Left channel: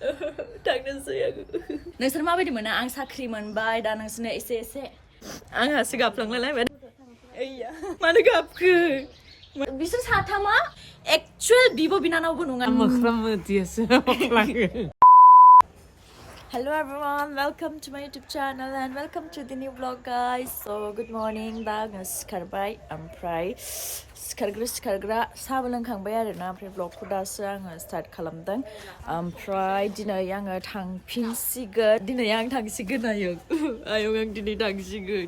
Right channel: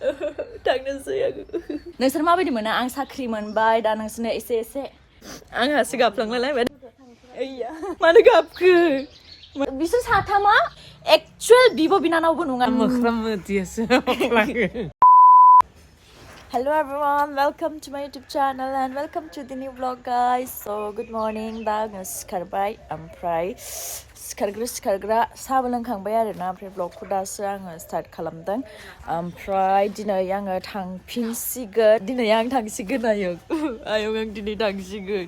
थांनोसै आङो नोंसोर माबायदि मोना आं साख्रि मोनबाय दा नोंसोरनो एसे आंहासो गाबफ्लांलायबाय मानो गाबखो बिसोर साथामा एक्चुअल बिब' बिनानावबो नङा मोख्राम मोदियासो Hello everyone, welcome to my YouTube channel and welcome to the new vlog guys. So good morning, दा आङो सिखारबाय ओमफ्राय सिखारग्रा साहा लोंखांबाय आरोना ओमफ्राय vlogखौ दासो आङो स्टार्ट खालामदों ओमफ्राय दिनै आङो थांफिनसिगोन आयं आं दिनै थांसिगोन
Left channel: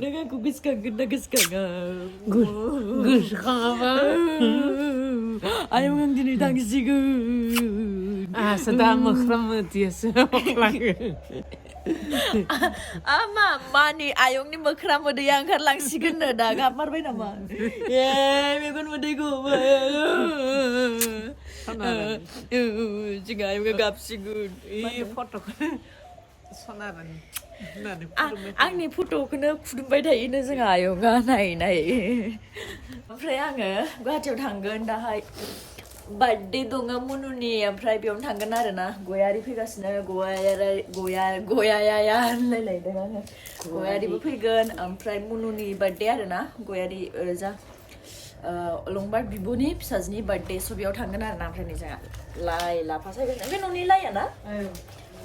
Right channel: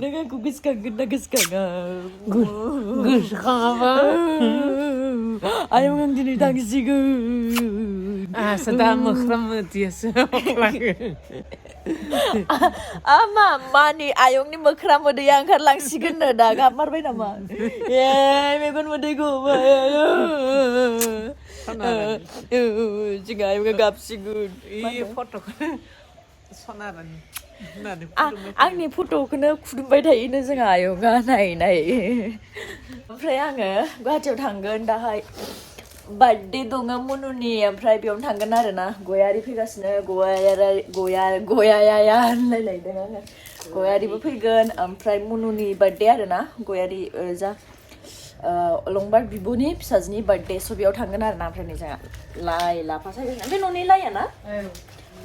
नों आंखौ गोसोखांगोन ना गोसोखाङा गोसोखाङाबा आयं आं दिनै थांसिगोन आंहासो दा मोख्राम मोदियासो मानि आयंनि मोख्रा मोदैया ओंखारलांसिगोननो दा गाबमारबाय नामा मेगन मोदै गबाय जोंहा आयंआ गाबसिगोन आंनि फट'खौनो खुदुमबाय थायोनो जोंहा आयंआ नाय ओमफ्राय आङो गुवाहाटियाव थांगोन दाहाय बार्थडे दङ मुनुनि ओमफ्राय बेयावनो थांगोन आरोना गयारि फैगासिनो गयाया होनलायलायदों आङो गयारिबो फैगोन ओमफ्राय मुनुनि बार्थडे आरोना गयारि जा अलंबार बिब'नि फिसाजोनि बार्थडे स' बेयाव थांगोन आरोना ओमफ्राय नै जोंहा लाइ लाफा सायगोन बे न'नि लाइया ना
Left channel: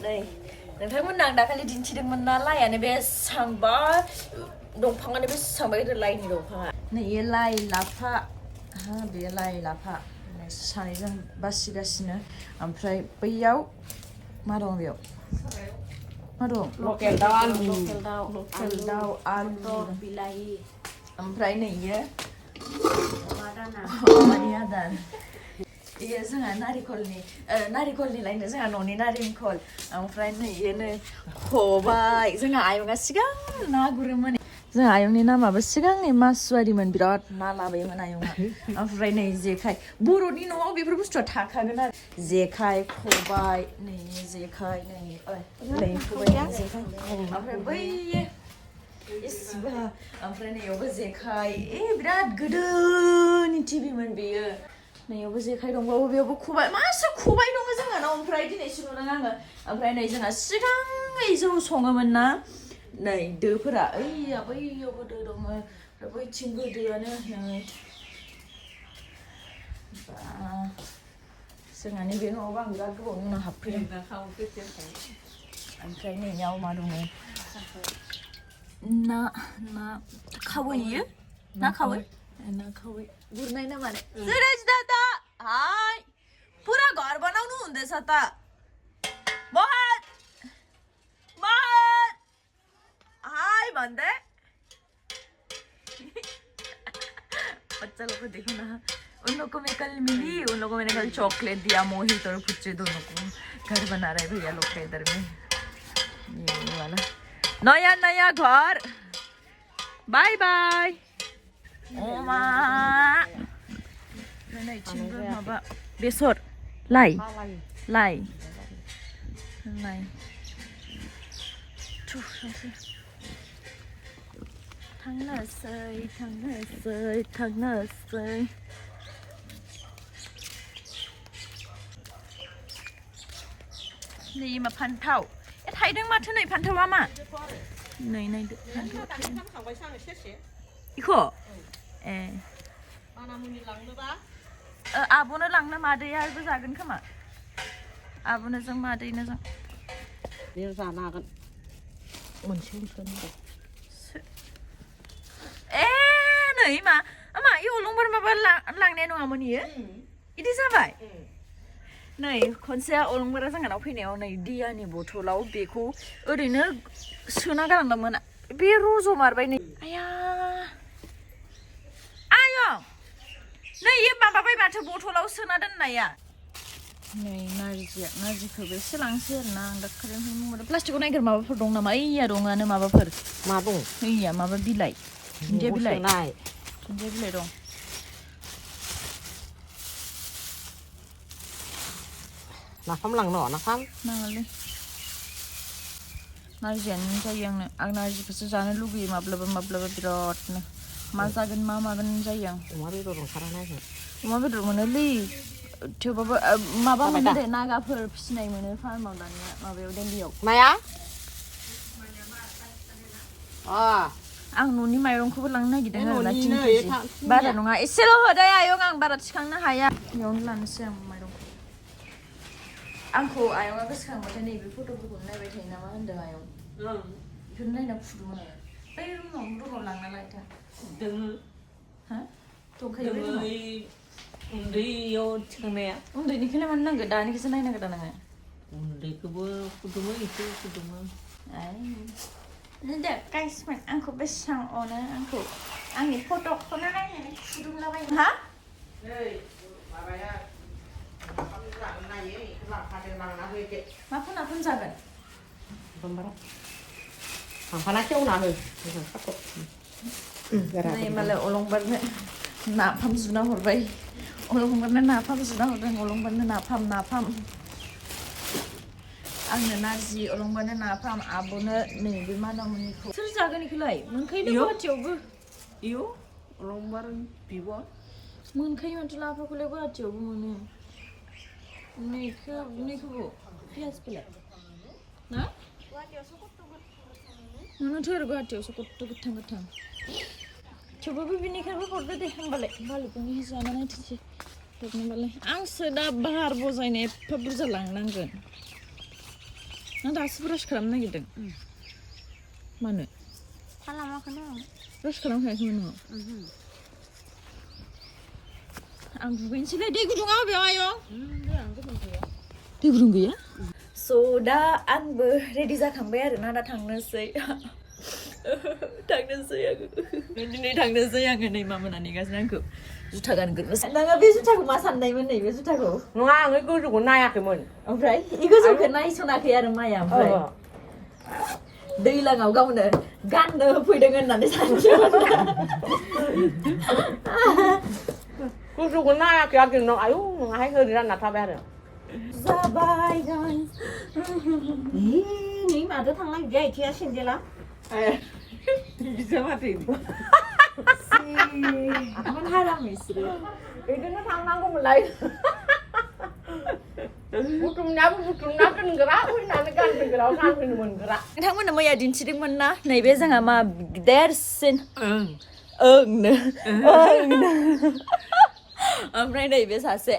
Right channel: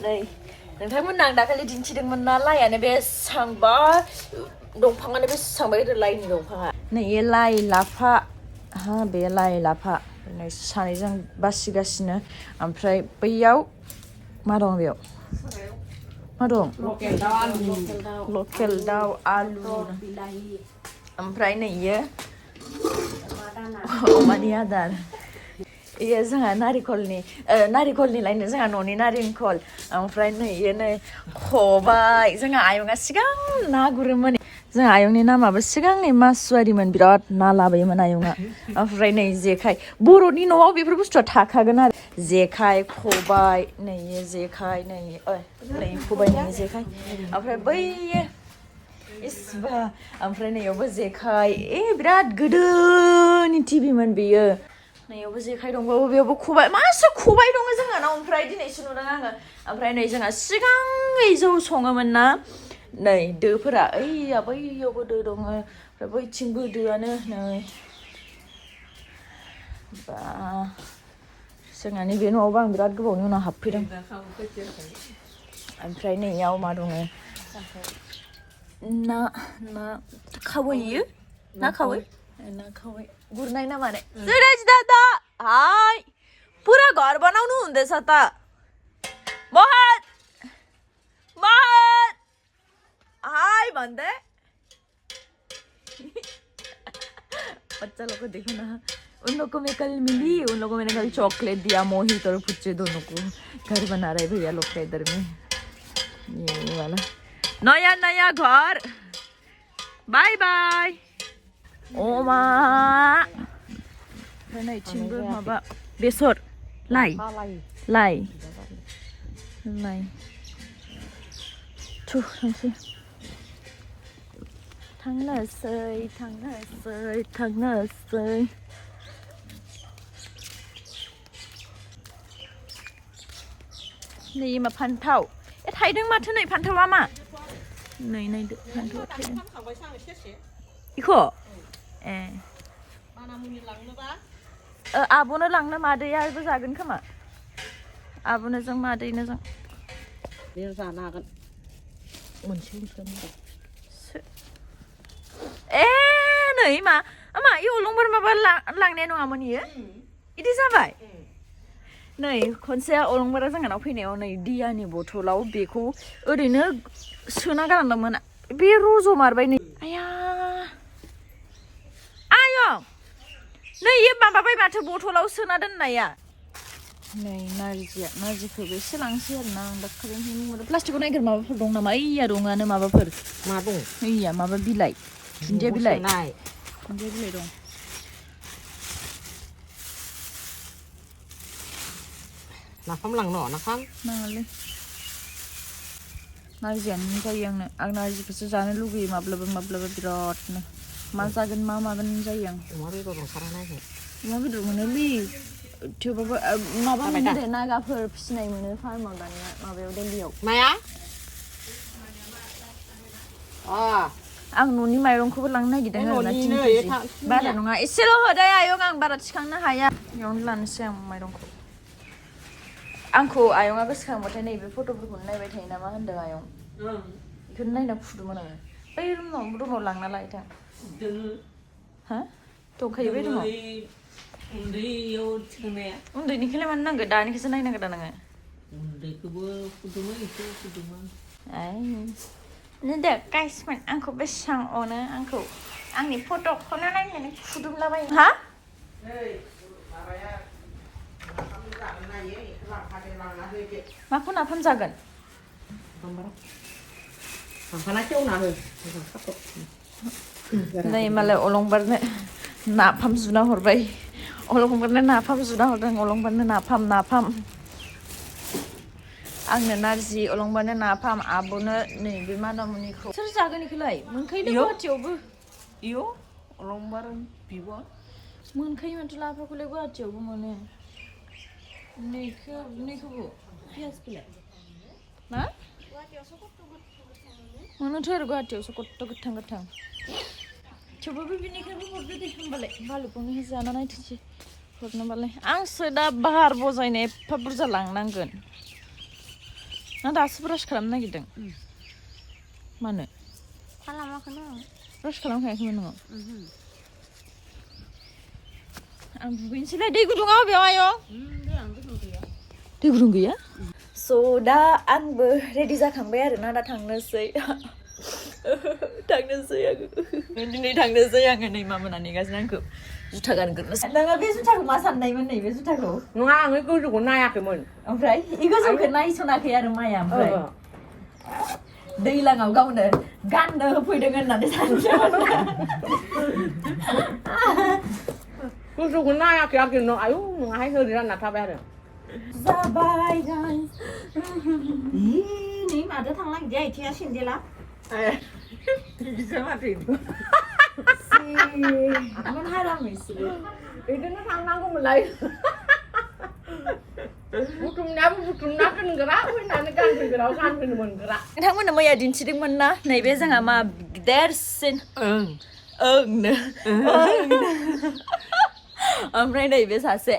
नै नोंथांमोननो आं दाखालि दिन्थिदोंमोन ना लाइयानो बेसेबांबा दंफाङानो बेसेबांबा गिदिर लाइनि दंफाङा नै लाइ लाफा बे लाइ लाफा सानैजों बासिगासिनो ओमफ्राय बैयाव मा दं बेयाव मा दं लकेल दाउ आलु ओमफ्राय नैयो अमानि आदार इयो जोंहा नारिखलनि लायनो जोंहा न'नि नारेंखल ओमफ्राय नैयो नै खबाइ जोंहा आयंआ सिगां ना गुरोमोन जोंहा आयंनि नामाबो सिगांनि मासुवारिमोन बिराद ना लाबोयोमोन आयंआ ओमफ्राय नै जेखाइ बर'नि न'आव बेफोर बुस्थुआ थाखागोन आरो जेखाइ खबाइ नै जेखाइ नै खबाइनि जेखाइ ओमफ्राय बैयो इसिबा ओमफ्राय नैयावबो जेखाइ बिराद गोदोनि टिभिमोन बेयो नैयावबो जेखाइ दंबावो बेयावबो खबाइ मासे खबाइ दङ जोंहानाव ओमफ्राय दिनैसो नुदों आङो ओमफ्राय नै जोंहा सिगाङै जौ सङोमोन ना नै दोफोरा बैयावबो दो दङ ओमफ्राय बैथिंबो दोआनो नै बा जोंहानि बे न'आवबो आं बिराद गोबावनि उनाव हाबफैदों ओमफ्राय नैयाव मा दङ ना खावै ना खावै गुरनाय ना मारे सुरज दादा हाय पुरा घर बनाउनु हुँदैछ त बहुत हाय भन्दै बच्चा लोग को देखो ना उन लोग को मैं कल मिली उन लोगों को मैंने कल चॉकलेट दिया मोहित और पुच्चे दोनों को घर बना रहे भैया लोग का इधर में ये वाला नया घर बाय बाय ओमा नैथिंबो माबा बेसर लाइ थांनोसै नै मा फान्थाव थाइदों माथो नै फान्थावा मा नै नायदो फान्थावा थाइदों इखौ आब'नो लांनो मादैयाबो जागोन खोमा आब'नो जों मादैनो जों बे जानो हागोन मोनसे नै मा इयो अलंबार माबा लांनाय नङामोन इयो इदि जाबाय नै खनसे अलंबारा जोंहानाव फैनायाव नै दियानि बथलाव बेखौ ओरैनो सोना गालांदोंमोन बे रज'मारबाय नै आयं नै इयो माबाबाय माथो बथलाव सोना दोननाया नै नारजिखौबो एसे लांसै आरोना आं दाखालिनिफ्राय प्लास्टिकआव नायग्रो माबाफोर दं नामा ओइया दङआनो माबाफोर मा दं ओइया माबा बिलाइ दुन्दिया बिलाइ दं नाफाम लांनो नाफाम नाङालै नारजियानो जायो आं नारजिखौसो जानो लुगैयो माब्लाबा बिरादनो मा जागोन मा मागोन जायो आं अमा बेदर ओंखारा नायगोन अमा बेदर मोनोलै थेवबाबो माबा मोनो दे नागाफोर फिसिनाय मोनो फार्माव दानिया माबायाव दिल्लीयाव माया आं न'नि माइरंखौबो लांनो नागिरदों आरोना न'नि बारा नङा एसेल' होदो आयं आं बारा थिखांनो हाया बेयावनो लानोसै आं माइरंखौ आंखौ आयंआ गोसोखांबाथाय नैबे फट'फोरखौनो नायबाय थायो नामा होनदों आयं बेखौनो नायना खुदुमोन आङो बै रुमाव लांना लायथा हा दंखायो बे रुमाव उन्दैयाव थिखांनाया उन्दैनिखौलाय मानो नांगौ दानिखौसो नायनांगौ दा नोङो उन्दैखौबो फुदुङो एसे फुदुङो दे गाइसमोन आंखौ बेसेबां अनो आंखौ आंनि फट'खौनो नायनानै खुदुमलाबायो हा माखौ नाफाम जागोन नै मालाय अलंबारनो नाफाम जुना हरबाय अलंबारनो नाफाम जुना हरदों अलंबारनो नाफाम आंनो नारजि अलंबारनो नाफाम आब'नो नैबे मादामुनिखौ सोर जागोन इखौलाय मोनखायो गुवाहाटियावबो इयो अलंबार बिब' मोनखायो माथो लाफाखौलाय गुवाहाटियावबो मोनो नैखौबो पियाजखौलाय मा मोनोथ' आरो गुवाहाटियावसो कत्त' गोथां थेवबाबो बिनिखायबो हरदो दे होमबालाय बालुखौनो जाना नायथोंसै हरनोबालाय आंसो दा बार बजायनो एफा बुरजा लांनांगोन आं दासो ब्रास खालामनो नागिरदों मानो खालामाखैनो ब्रास खालामखायाखैमोन नोङो आं दुगैनोसैलाय दै गुदुङा अबेयाव आयं दै गुदुं गैया स' दा आंबो रेडि जाखांबाय आरोना दा थांनोसै दिनै थांनोसै आङो नै मामोना नेगासिनो आंखौ जुथा गानग्रोनोसै नोङो बे जुथाखौ मा साननायमोन नै बे जुथाखौ नङा आङो गोजौखौ नायाखैमोन ओमफ्राय इ गोजौखौ नायसनाखै आरो माया ओमफ्राय दैलाङाव गावनो गाननो होफैदों होननानै सानदोंमोन गोजौखौ नायाखै आरो नों आयौ नङाहाय ओरै रानना थाबाय आरो जाबाय गाइस नै माजों थांनो नागिरदों आथिङा सेन्देला बिदिसो माथो मान हाराम बिसोरो बिदिनो थांनांगौमोनलाय नोंथांमोननो मैया दिन्थिदोंमोन ना नैबे जोंहा मा देरसिन ओंनो ओमफ्राय नैबे सासे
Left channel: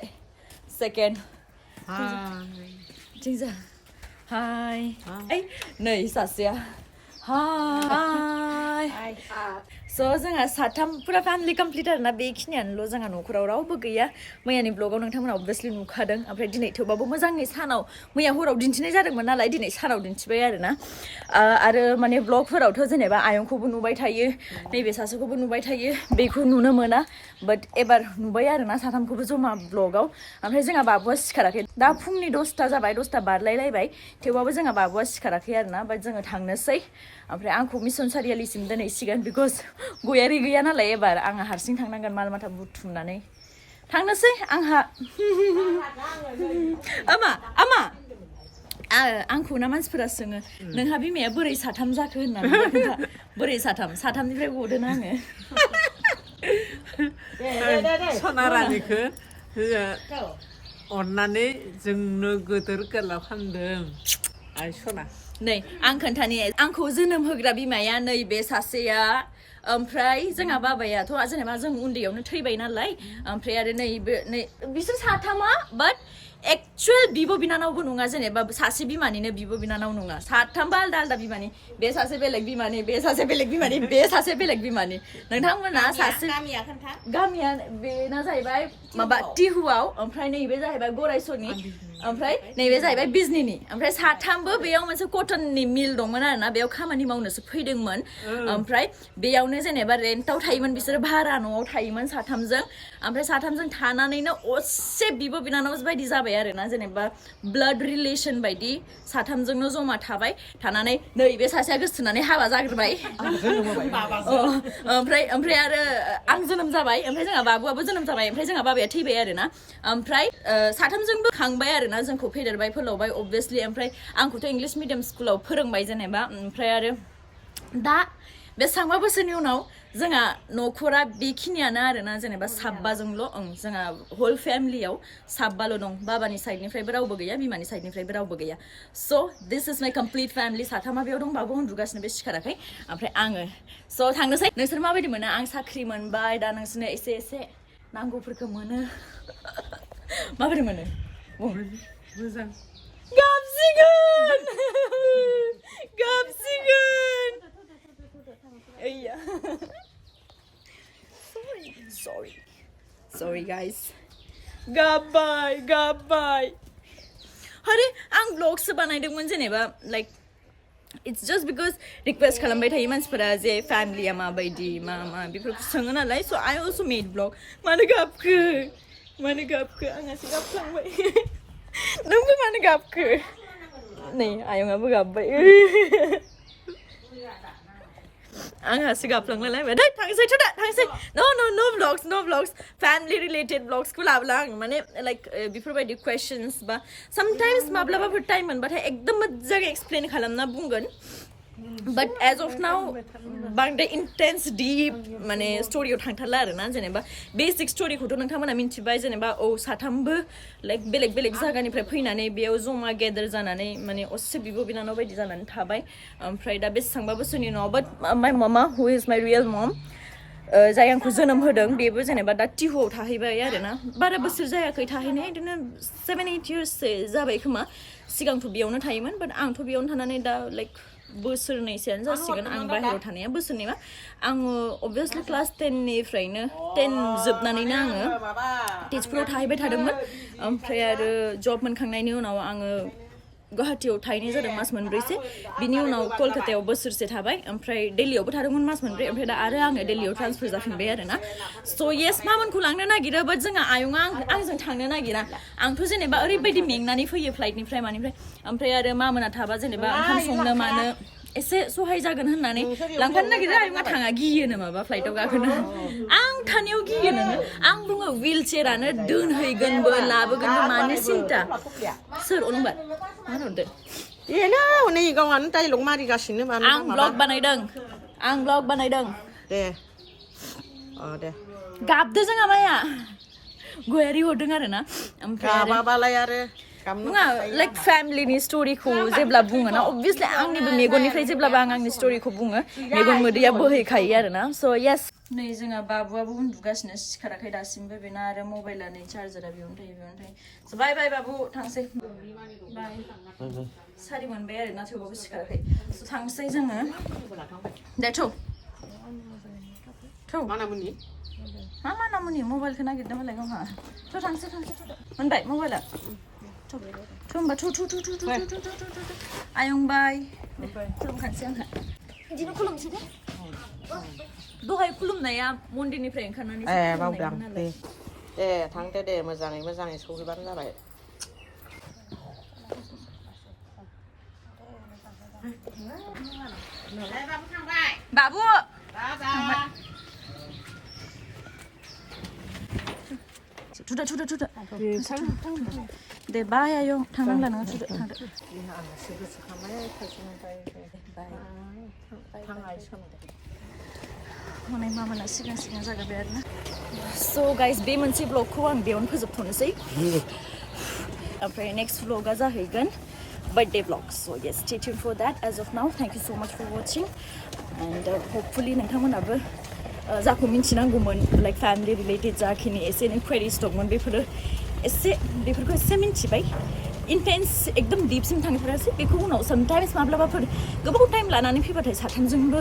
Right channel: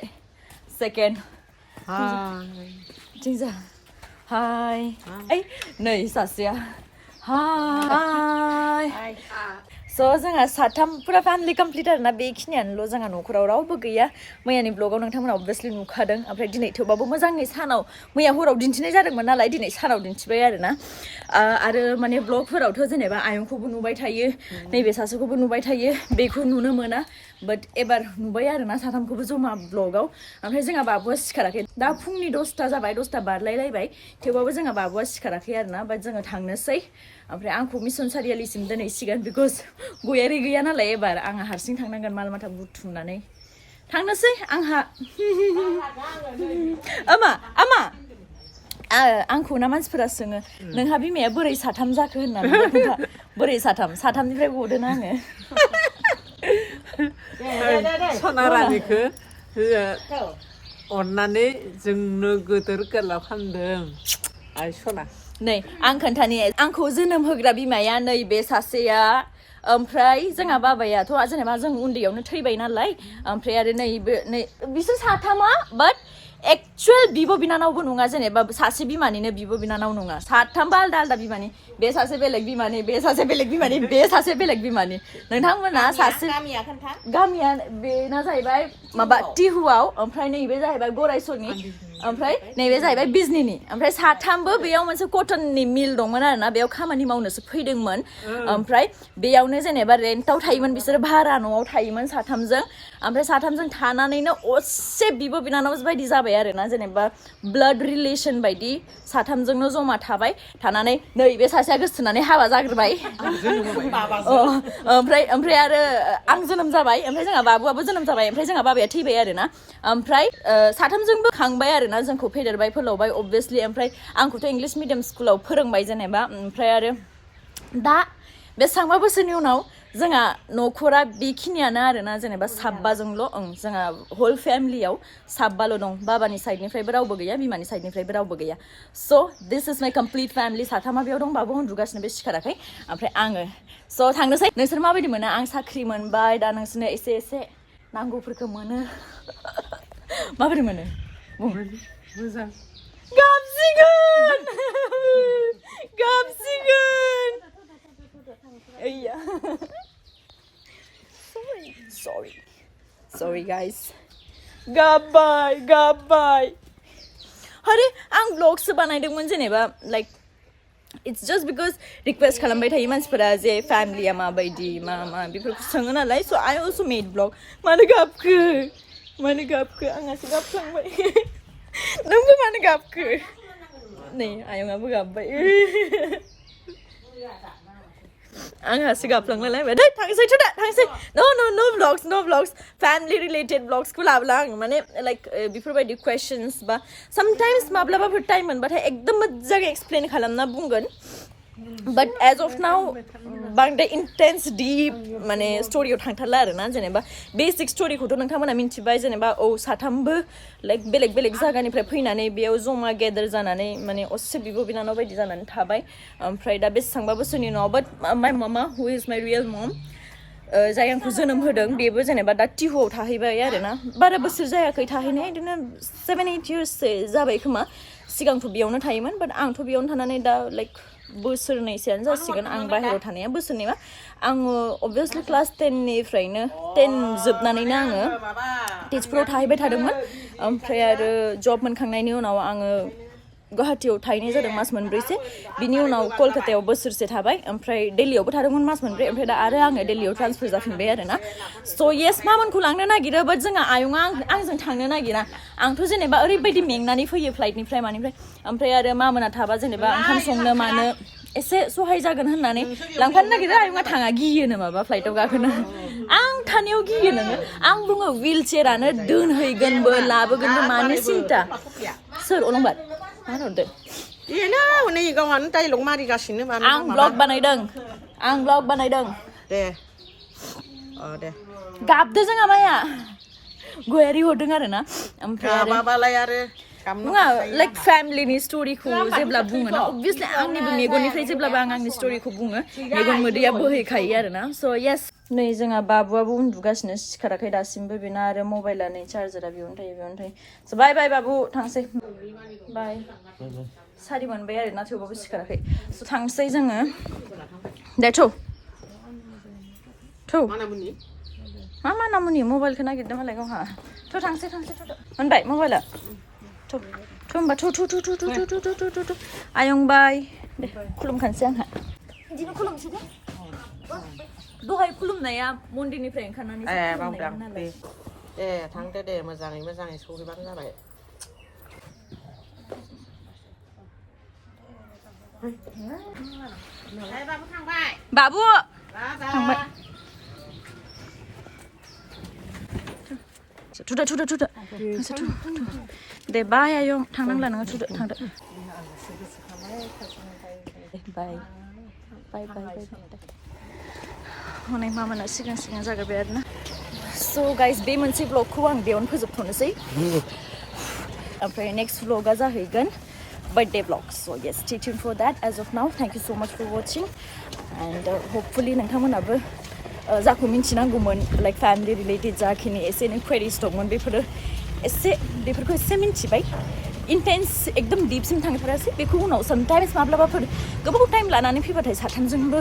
सेकेन्ड हाय नै सासेया हाय स' जोंहा साथामफोरा फेमिलि कमप्लिट आरोना बेखिनियानोल' जोंहा न'खराव रावबो गैया मैयानि ब्लगाव नोंथांमोना अबभियासलि नुखादों ओमफ्राय दिनै थेवबाबो मोजाङै सानाव मैया हराव दिन्थिनाय जादोंमोन नालाय दिनै सानाव दिन्थिबाय आरोना आरो माने ब्लगफोरावथ' जेनेबा आयंखौबो नुबाय थायो नैबे सासेखौबो नुबाय थायो बेखौ नुनो मोना बाट एबार नुबाय आरोना साथामखौबो जमा ब्लगाव ओमफ्राय जोंहा बाबुआ सिखाराखै दा फुंनि 10ता जाबाय 10ता बारलायलायबाय थेवबाबो जोंहा बाबुआ सिखाराखै आरोना बाट जोङो थांनोसै ओमफ्राय आंखौ मिसन सारियालिसिम दोनहैसिगोन बिकज गयारि गैया नालाय एबार आंहा हारसिं थांनांगोन माल माथा बुथुमनानै थांनोसै आंहा आमा आंखौ ना मानसिफोरा सोङो नोंहा बिमाया बोरै साथाम जाखो होननानै खोन्था बोरै साथामनिफ्राय गदों आङो सना रानिखौ अननानै जोंनो गोदोर गोलाव खालामदों आइ सना नै आं खोन्थानि आंखौ जोनोम होग्रा बिमाया नै बे सासेया ओमफ्राय जोंहा बाबायाथ' जेनेबा जों उन्दैयावनो थैबाय नालाय ओमफ्राय आरो नै बिसोर साथामा बाट एक्चुअल बिब' बिनानावबो नङा जेनेबा सासे बिमानिनो बिब' बिनानाव नङा साथामबा आलदा आलदा बिमानि बे सासे बेलेग बिमानि बे सासे बेलेग बिमानि बे सासे बेलेग बिमानि नोंथांमोना सासे गामिया बेना जाहैबाय माबा टिहुआव ओमफ्राय नैबे जाहैबाय गरायसरनि ओमफ्राय नैबे जाहैबाय बिजनिनि ओमफ्राय साथामबो बेयाव मोनसे कटननि मिल दंमोन आरोना बेयाव खामानि मावनोसो फैदोंमोन ओमफ्राय बेयावनो जेनेबा रेन्टआव थायोमोन बिसोरो भारा न'आव थायोमोन साथामजों ओमफ्राय साथामजों थानानैनो असे बिब' बिनानाव बायदि जाबाय आरोना जेनेबा ब्लाड रिलेसन बायदि साथामजोंनो जमा थाबाय थानानै नै बे सासेया गोसोथोनानै हाबा जाग्रोबाय ओमफ्राय आरो आं जोनोम जाबाय ओमफ्राय जोंहा बाबुआबो जोनोम जाबाय ओमफ्राय जोंहा बाबाया थैबाय आरोना ओमफ्राय साथामजोंबो खांबाय आरोना जोंखौ फेदेरबाय फोलावबाय अबभियासलि ओमफ्राय आंखौथ' इंलिश मिडियाम स्कुलाव फोरोंबाय जेनेबा ओमफ्राय आरो दा बेसेबांबा बोसोरनि उनाव जोंहा न'खरा बेखिनियानो आरोना जेनेबा साबबाजोंल' जोंहा होल फेमिलियाव साबबाल' दं बाबानि साइडनिफ्रायबो रावबो गैया बिमानि साइडनिफ्रायबो रावबो गैया स' दिस इज माइ कमप्लिट फेमिलि साथामा बेयाव दं बाबु उन्दुगासिनो बे सिखाराखै ओमफ्राय आङो स' थांनोसै नोंसोर माबायदि मोनो आं साख्रि मोनबाय दा नोंसोरनो एसे एसे नांगौफोरखौ मोनो माबायदि मोनो मोजां गाबसिगोन गाबसिगोन Yeah. Sorry guys. Goodbye. Hare, आं vlogs बानायदोंमोन जेनेबा like it's just because request खालामबाय थायो मानसिफोरा जे फैमिलीया माबायदि मा बेफोरखौ सोङो नालाय so I also made vlog मानो गाबखो आंहासो गाबफ्लांबाय नोंबो मानो गाबखो नै आयंआबो गाबबाय आंहासो गाबफ्लांलायबाय दै थांसै no vlogs family related vlogs खौ लाबला आं माने like बेफोरबायदि questions बा sometimes माब्लाबाफोर टाइम मोनबाथाय एकदम मोजाङै एक्सप्लेन खालामना बुंगोन but as of now बांद्राय intense deep माने स्टोरियाव थांथारला आरोना जेनेबा बेसिक स्टोरिखौथ' नोंथांमोना मिन्थिबाय जेनेबा साथामबो लाइक बेलेग जायगानिफ्राय फैनानै बेयाव जमा गेदार जानानै माने असे बिब' बिनानाव बायदि जानानै थाबाय ओमफ्राय दा बेसेबांबा बोसोरनि उनाव but my mama who is my real mom जाय आंखौ जोनोम होदों बेबो जेनेबा दा टिहुआव थाहैबाय आरोना बारा बोसोर जायाखै थाहैनाय बिदिनो 7-8 years जाबाय खोमा सिगांथ' बेयावनो थायोमोन but आंथ' बेयावनो थानानै दा लाइक बोसोरनैसोआनो जासिगोन आं बाहेरायाव थानाया बोसोरनैबा आङो अबभियासलि क्लास 10 निफ्रायनो 10 जोबनानैनो आङो तेजपुराव थाहैबाय थादोंमोन ओमफ्राय आरो जब मोनखांनायनि उनाव आङो गुवाहाटीयाव थाहैनाय जादों मास मोनब्रैसो बिनि उनाव कलकातायाव बोसोरसे थाबाय ओमफ्राय दिल्लीयावबो थादोंमोन मास मोनब्रै ओमफ्राय दा आरो आङो दिल्लीयाव ट्रान्सफार जाफिनबाय आरोना स' येस मामोनखौ लांनो नागिरो बाट जोंहा आयंआ आंजों थांनो नागिरा आंथ' जेनेबा ओरैबायदि मेंनानै फैयो फ्लाइटनिफ्राय मानिफ्राय ओमफ्राय आरो मामोना थाबा जेनेबा ओंखाम संनो मानो एसे सहाय जागोन होननानै लांफानो नागिरो आयंआ थाङा गियोनो माबा फ्लाइटआव गाखोनो आं थानायाव गियो नोङो आं बुङो विल चेयारानो दोनहैगोनबो लाबोगोनबो मानो सिन्था सोर अलंबार मा होनहरदो बेनो नै गावहानो डाइलग मारिगासिनो आं ब्लग बानायदों दे गाबदो जोंहा माया गयारि हरदों आरोना ओमफ्राय माबालाय आरो नङा लाइक फेमिलिनि स्टोरिखौ जेब्ला बुङो ना अबभियासलि आंनिबो मेगननिफ्राय जेब्लाबो आं आंनि स्टोरिखौ बुङो मेगन मोदैया बोहैखायो आरोना स' येस नै जोंहा बाबुआबो उन्दुगासिनो सिखाराखै दासिमबो बेना आरो मबाइला नै चार्जारा बेयावनो थायो स' बाय बाबु थांसै बाय सारि मोनबाय आरोना थेवबाबो सिखाराखै स' थांसै जोङो दे थौ मा नामुनि मबाइलखौ नागिरदों मालाय गावहा थ' थांसै मोनबाय मबाइला होमबा थु आयं बाय दे खुलुमखानोसै आंहा बिदिनो खुलुमसै दे दहाय खुलुमनाया मन्दिरनिफ्राय ओंखारनानै खुलुमनायमोन नालाय दे थांदो दे मोजाङै सहैबानो जाबाय बाबु थांबाय थुदो दे बाय आयं थांनांला नोङो थुदो थांदो हनै मामाना सिगां जागारबाय आरोना स' गाइस बे मोनसे ब्लगखौ आं बेयावनो फोजोबथ'नोसै ओमफ्राय नेक्स्ट ब्लगा जाहैगोन birthday vlog so yes stay tuned for that as of now thank you so much for watching and hopefully नोंथांमोनाबो जाखौ मिन्थिनांगौमोन लाइक फेमिलि रिलेटेड जाखिनि एसे क्वेरिज दंमोन बेफोरखौ एसे मिन्थिबाय इन्टेन्स एकदम डिपसिम थांथारासै बेखौ उनाव समटाइम्स माब्लाबाफोर गोबाव टाइम लानानै फैबाथाय साथामजोंबो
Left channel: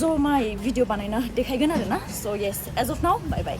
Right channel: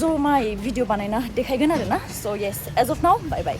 जमायै भिडिअ बानायना देखायगोन आरोना स' yes as of now bye